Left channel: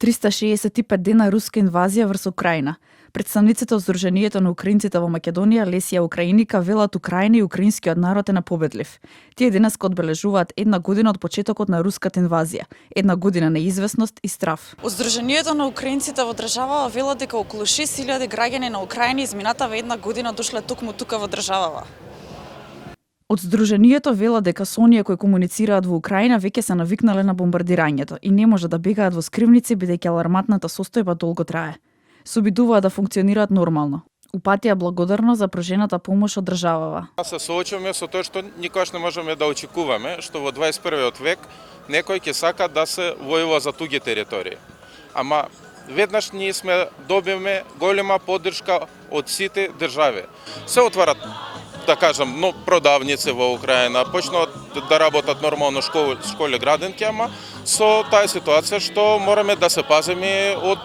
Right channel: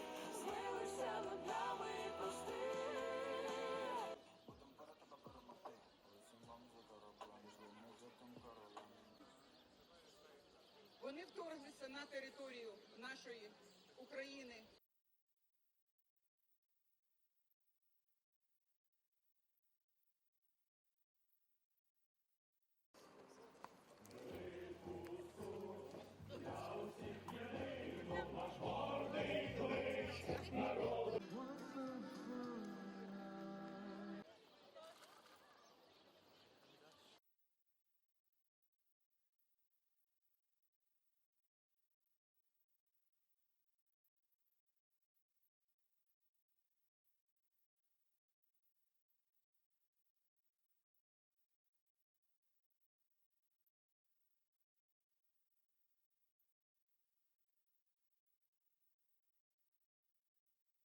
365 дена руска инвазија врз Украина. Представниците од Сдруженијето на украинците во Македонија, Лесија Украиника, велат Украина и украинскиот народ е непобедлив. Тие денеска одбележуваат една година од почетокот на руската инвазија, една година неизвестност и страв. Од Сдруженијето на украинците во државава велат дека околу 6000 граѓани на Украина изминатава една година дошле токму тука во државава. Од Сдруженијето велат дека со оние кои комуницираат во Украина веќе се навикнале на бомбардирањето и не може да бегаат во скривници бидејќи аларматната состојба долго трае. Се обидуваат да функционираат нормално. Упатија благодарно за пружената помош од државава. Се соочуваме со тоа што никогаш не можеме да очекуваме, што во 21. век некој ќе сака да се војува за туѓи територии. Ама веднаш ние добивме голема поддршка од сите држави. Се отварат, да кажам, но продавници во Украина, почнуваат да работат нормално школи градинки, ама со таа ситуација што мораме да се пазиме од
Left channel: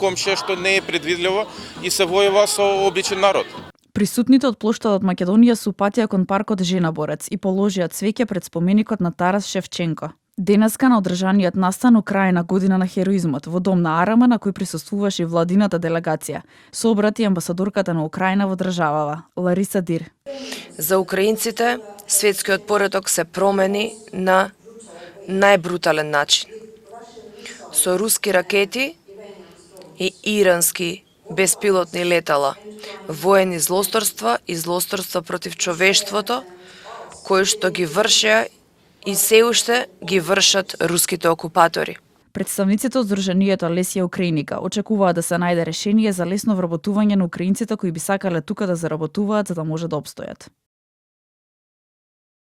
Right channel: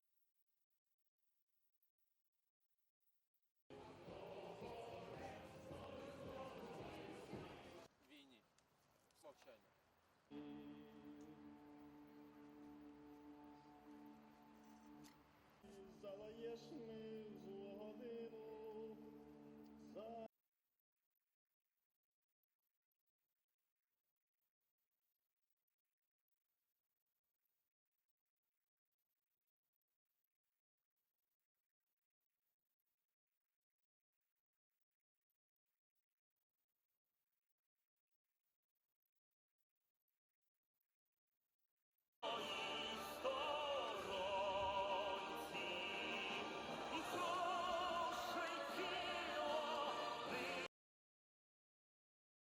комшија што не е предвидливо и се војува со обичен народ. Присутните од плоштадот Македонија се упатија кон паркот Жена борец и положија цвеќе пред споменикот на Тарас Шевченко. Денеска на одржаниот настан Украина година на хероизмот во дом на Арама на кој присуствуваше и владината делегација, се обрати амбасадорката на Украина во државава, Лариса Дир. За украинците светскиот пореток се промени на најбрутален начин. Со руски ракети и ирански беспилотни летала, воени злосторства и злосторства против човештвото, кои што ги вршеа и се уште ги вршат руските окупатори. Представниците од Сдруженијето Лесија Украиника очекуваат да се најде решение за лесно вработување на украинците кои би сакале тука да заработуваат за да може да опстојат.